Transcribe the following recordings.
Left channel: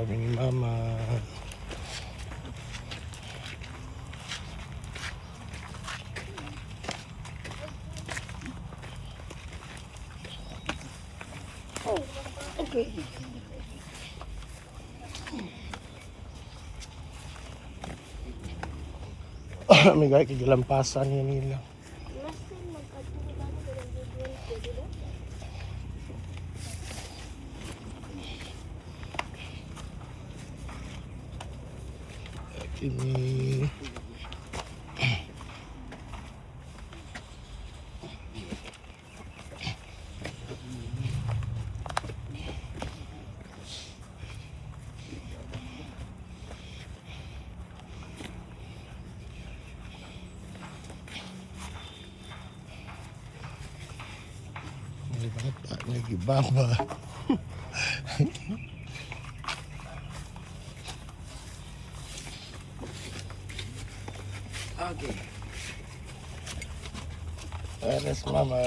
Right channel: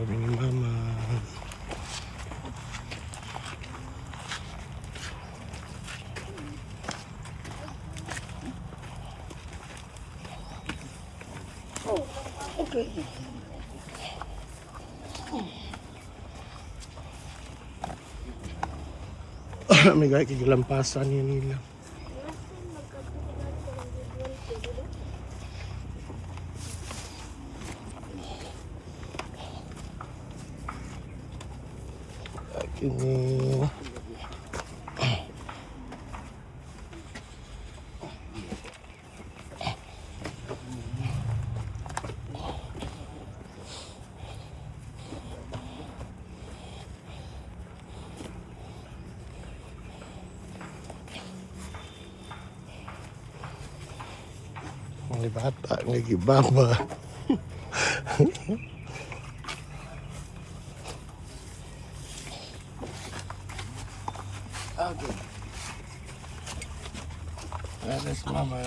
kami ni Mama. Okay. May gaya kigalampasan yun nila. Ini may bata, may gibaba. Okay. Yes, Mama.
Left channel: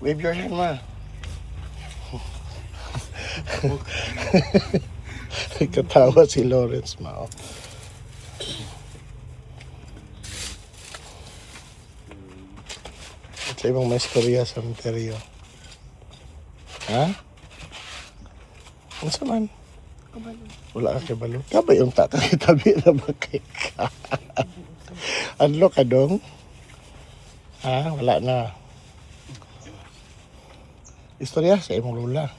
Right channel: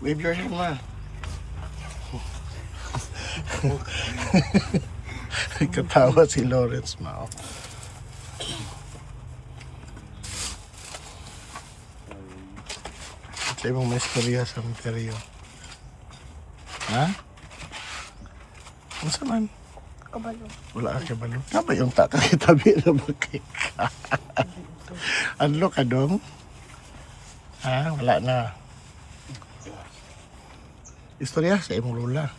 Wave your hand, Ma. Katawa si Lawrence, Ma. At sa ibang may istorya sa Monterio. Ha? Ano man? Kabalo. Wala ka kabalo. Kaba yung tabi na bakit ka? Ano ka dong? Ha? Wala na. Istorya sa imong lula.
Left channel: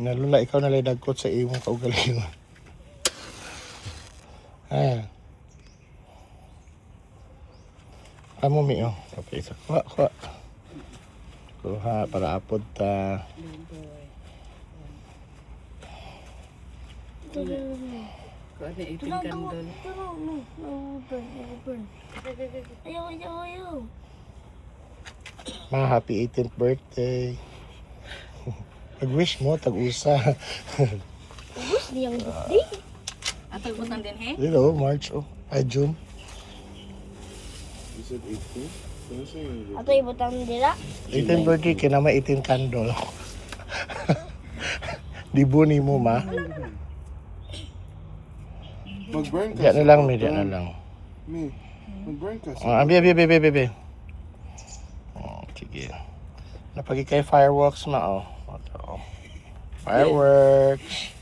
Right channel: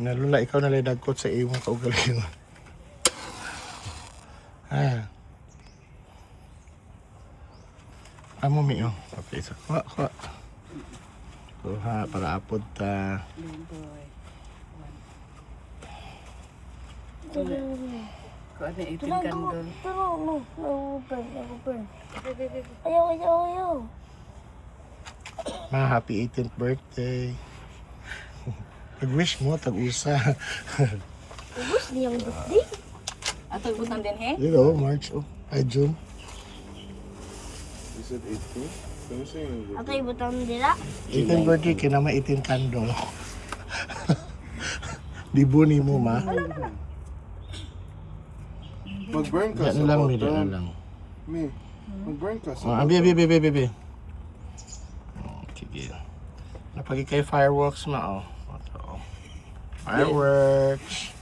Na lula, ikaw na lang dagkot sa imong kaugalingon. Ha? Kamu mi oh. Okay, so kuha. Kuha para apod ta. Kung ano itin Turo, kandol. turo, no. Nag-burn. Ayaw. Ma, happy 18th birthday. Pag-wish mo, tag-usa. Ubus niyang birthday. At tagbutan din he? You know, March, oh. Ay, June. You said 18? Can you say it? Ato ibutang nila. 18th birthday, kinama 18 candle. Dibuni mo, ma. Mag-burn ka Diyan na lang, mi. Diyan na lang. Mi, mag-burn ka Oh, abi. Oh, sige. Napagi kay fireworks, ma, oh. Oh. Fireworks.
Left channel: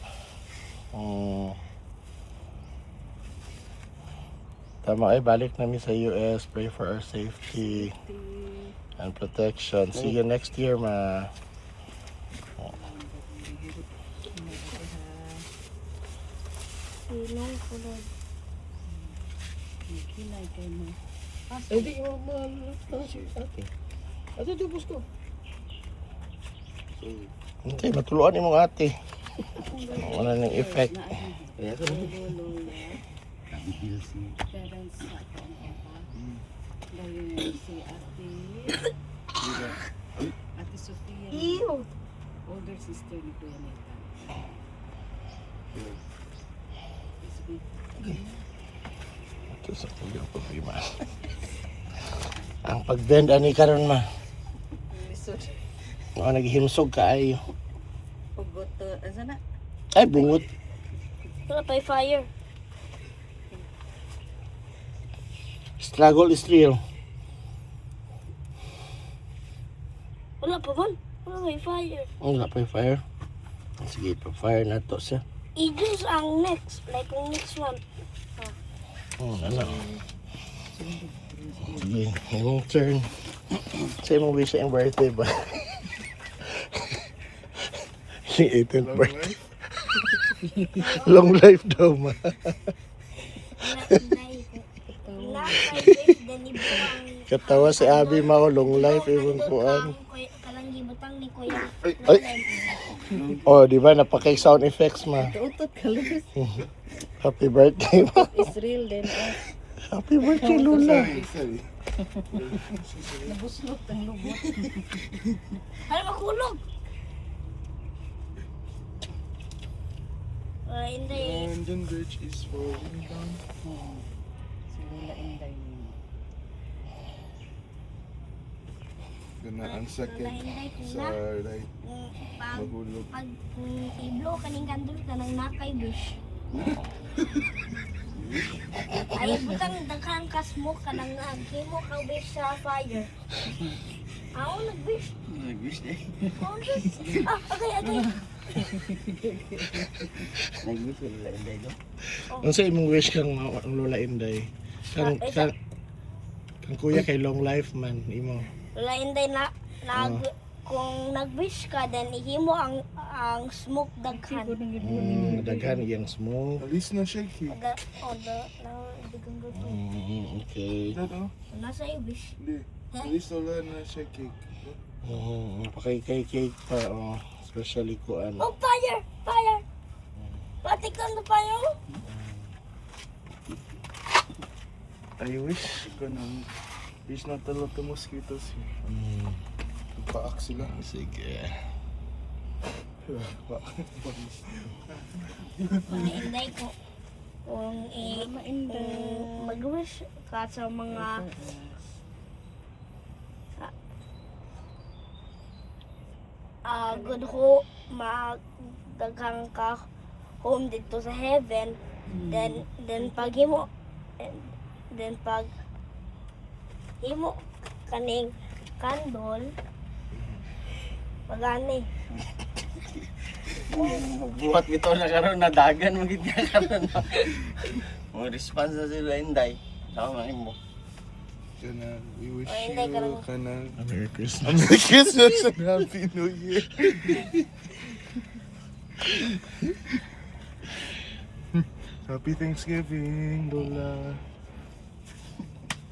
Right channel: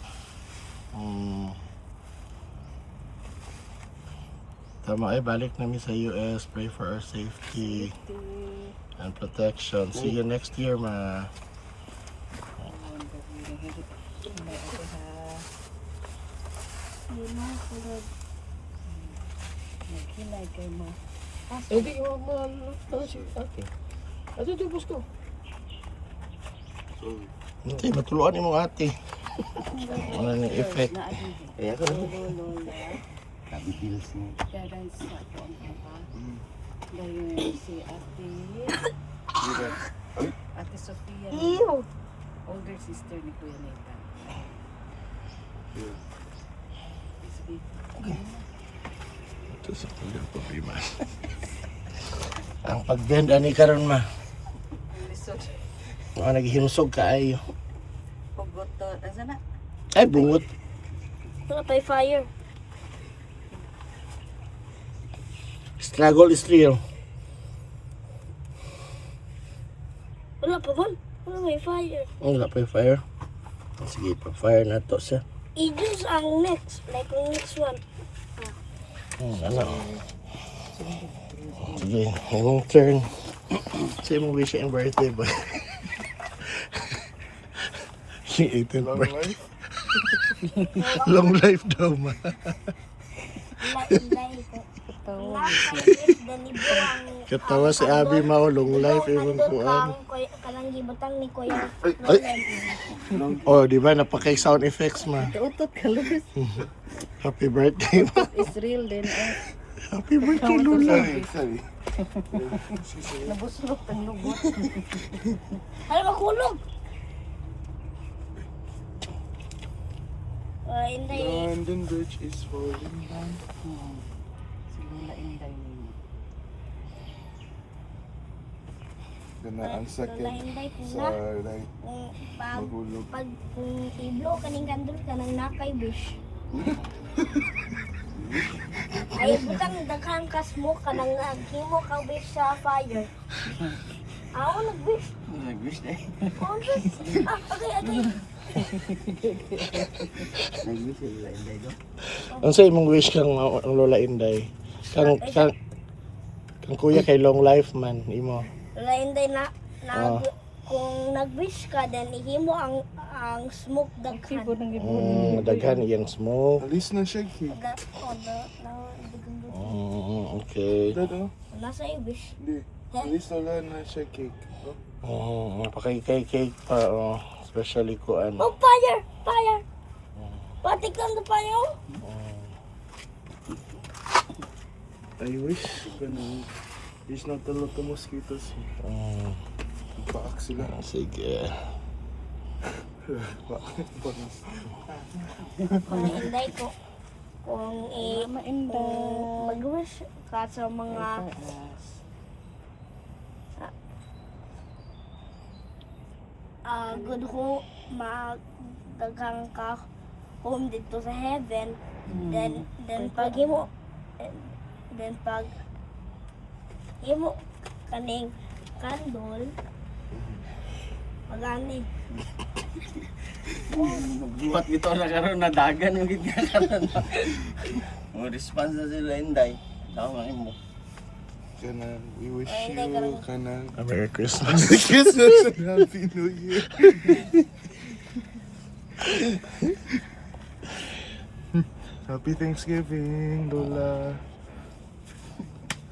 Tama ay balik namin sa US. Pray for our safety and protection. See you next year, ma. Nagkilay kay mo. Hindi ko okay. Ito tubos ko. Sorry. Hindi, matuluan mo ate. Wala nang effect. Kaya ko rin. Nabibilis mo. Dadan sa ako ang papa. Dayon si Dito. Ate Sofia. Ew. Older sister ni Kuya Nathan. Here. Sige. Ito sa kulang problema. Ang pag-bend, ani karon ma. Lisod. Mga naghimsog ka ay. Pugot to. Asa na? Ay, bungot. Wala pa fire. Struggle is real. Wala pa ba? Wala may fire. Wala pa yung fire. Sige, pa-fire na to siya. I-juice ang next. Like yung next one. Ano? Sige, yung turn. Sa imong wish and birthday ba? Si 18th Long birthday. life? Long life daw ma. Katawa si Abi mao long life even kuan. Kanang gibatang ni Kuya. Ay. Oh, di ba napaka sound effects ma. Utot ka, Luz. Happy birthday. It's real din. Happy birthday Lula. Sorry. Nabuslok ang lubot. Hala makulog. Hindi. London Bridge is falling down. Si Lula Inday. Kana ang sakit Lain-lain ko sa na. right Pag mahulog. iblo kaning kandol kanang nakay wish. Ay butang daghang ka smoke kanang himo ka wish sa fire. Ako nag-wish. Nag-wish eh. Oh, just, okay. Nag-wish ko lang hindi do. Ang sa imong wish kang ang Lola Inday. Kang kuya kay long life man imo. Lain-lain na kung nag-wish ka then ihimo ang smoke daghan. Daghan iyang smoke. Alis na siya, Kik. Okay. Dito. Nasa i-wish. Hindi. Alis na wala na siya, Kik. No? Napakay-cake pa especially kuan. Oh, fire! Patik lang the fire. I wish ganun. Wish not a lot of mosquitoes. Paak sila. Sige. Kung hindi ko kung mag-wish ka sa mga good ho magdaghang ka home dito sa heaven then pag himo kaning candle pagani Buhat ito na karon na dagan mo gid niya karon. Mo response na sila Inday. Sama mo. Kana, we wish Oh, hindi ka lang. you kana Merry Christmas. Christmas and Happy New Year. Happy Thanksgiving, Lola.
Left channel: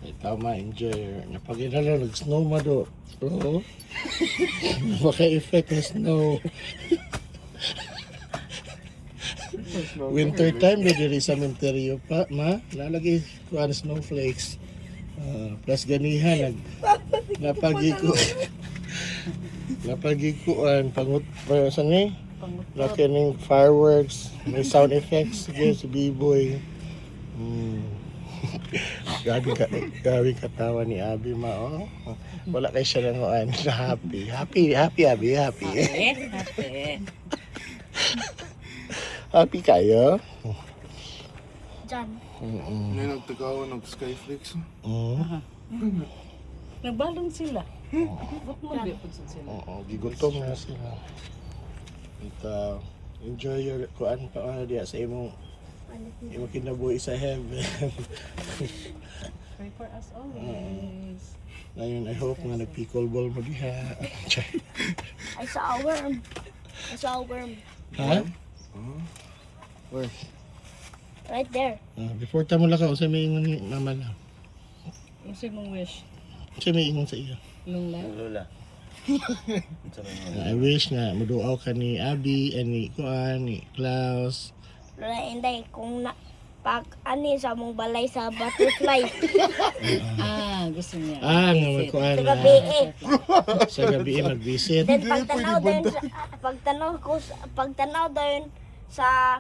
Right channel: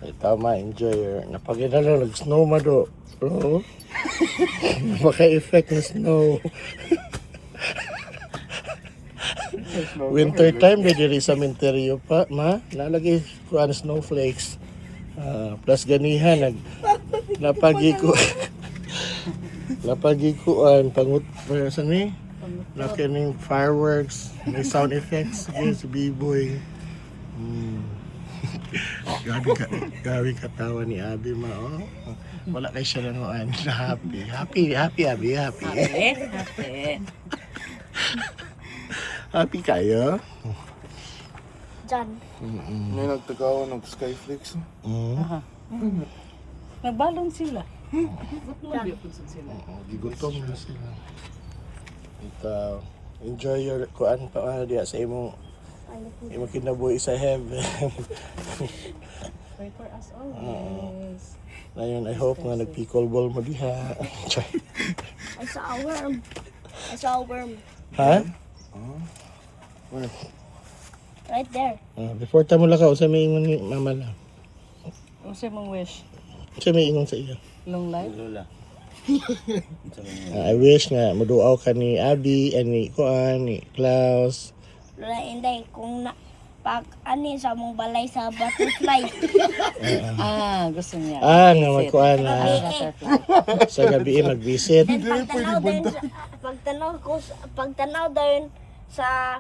Ay, tama, enjoy. Napaginala, nag-snow do. Oo. Napaka-effect na snow. Winter time, may diri sa minteryo pa, ma. Lalagay ko ang snowflakes. Plus ganihan, napagiko. Napagikuan, pangut, sa ni? Nakining fireworks, may sound effects, sige, sa B-boy. Gabi katawa ni Abi ma, oh. Wala kay siya lang happy. Happy, Abi, happy. Happy kayo? dyan. May nagtagawa ng Skyflakes. Nagbalong sila. Sila. Gigutom na sila. Ito, enjoy your kuan pa diya sa imong kinabuhi sa heaven. Pray for us always. Ngayon, I hope na nag-pickleball mo diha. I saw a worm. Ha? Where? Right there. Before ta mo lakaw, sa may ingon ni mama lang. Ano siya mong wish? Sa may ingon sa iyo. Long life? Lola. I wish nga maduaw ka ni Abby and ni Kuan, ni Klaus. Lola Inday, kung pag ani sa mong balay sa butterfly. Gusto niya. Nga magkuan Sa na gabi sa gabi mag-visit. Then pagtanaw doon sa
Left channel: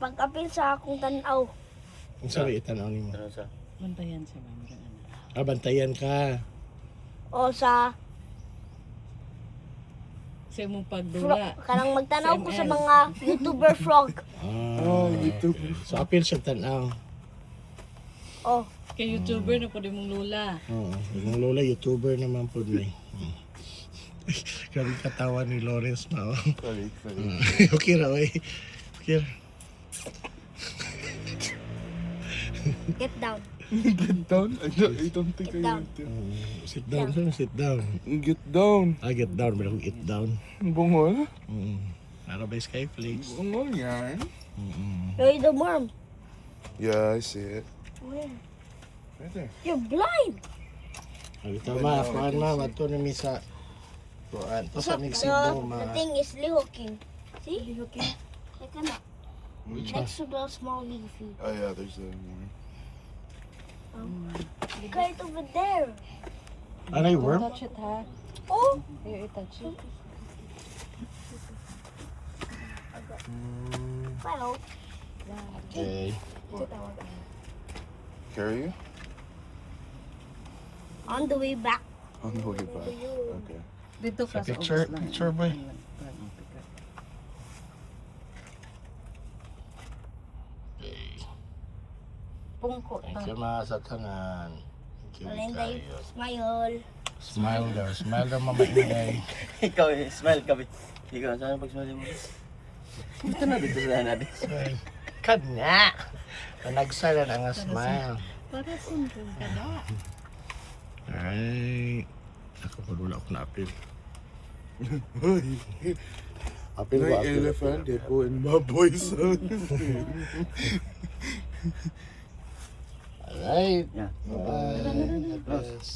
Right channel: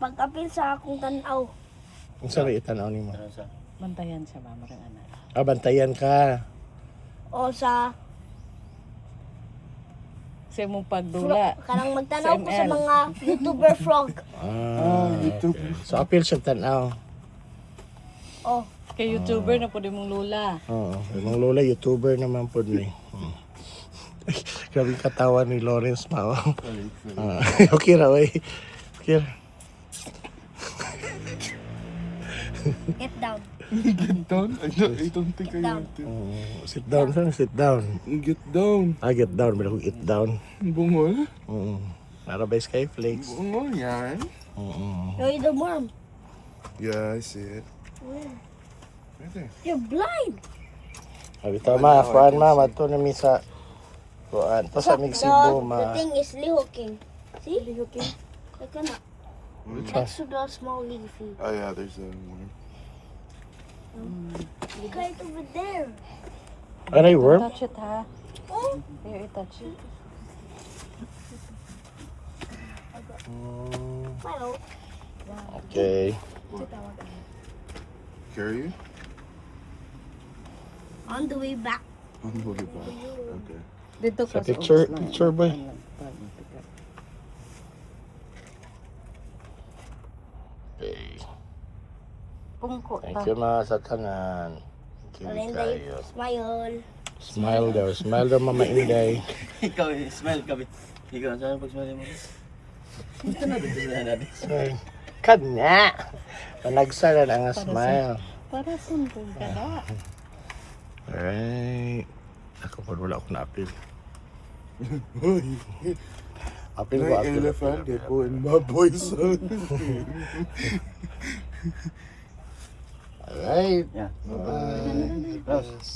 pag-apil sa akong tanaw. Ang sabi itanaw ni mo. Ano sa? Bantayan siya ba? Marang anak. Bantayan ka. O sa Sa mong pagdula. kanang magtanaw ko sa SML. mga YouTuber frog. YouTube. So apil siya tanaw. Oh, Kay YouTuber na po din mong lula. Oo. Yung lola, YouTuber naman po ni. Grabe katawa ni Lawrence Mao. Sorry. Okay ra, wey. Okay ra. get down. Get down? I don't think Get I down. need to. Sit down, saan sit down? Get down. Get down, pero get down. Bungol? Para ba Skyflakes? Bungol yan. You're the worm. Yeah, I see it. Where? Right there. You're blind. Sabi tama, kuan ma, mato na mi sa kuan. To sa mig Cebu, The ma. thing is lihoking. See? Lihoking. Like ano? Next to the small leafy. Oh yeah, there's a one. Right over there. Aray, worm? Touch it ha. Oh, You touch it. well, Okay. Carry you? on the way back. On the way back. Okay. Dito Sa ka picture- ubos lang. picture ba? Okay. Pungko Thank ta. you mga sa tanan. Thank you Kalenday, kayo. smile. Smile daw. Smile daw Mama Inday. Ikaw, smile ka, be. Ikaw, saan pag-smile mo? Ito na dito sa natin. Smile. Kanya! Panagsara na ang smile. Para simple ka da. Ay. Ako pa wala ako na-appeal. Hoy! Appeal ko, Like appeal. elephant, gecko, and baboy son. Alright. Yeah. Bye. Close.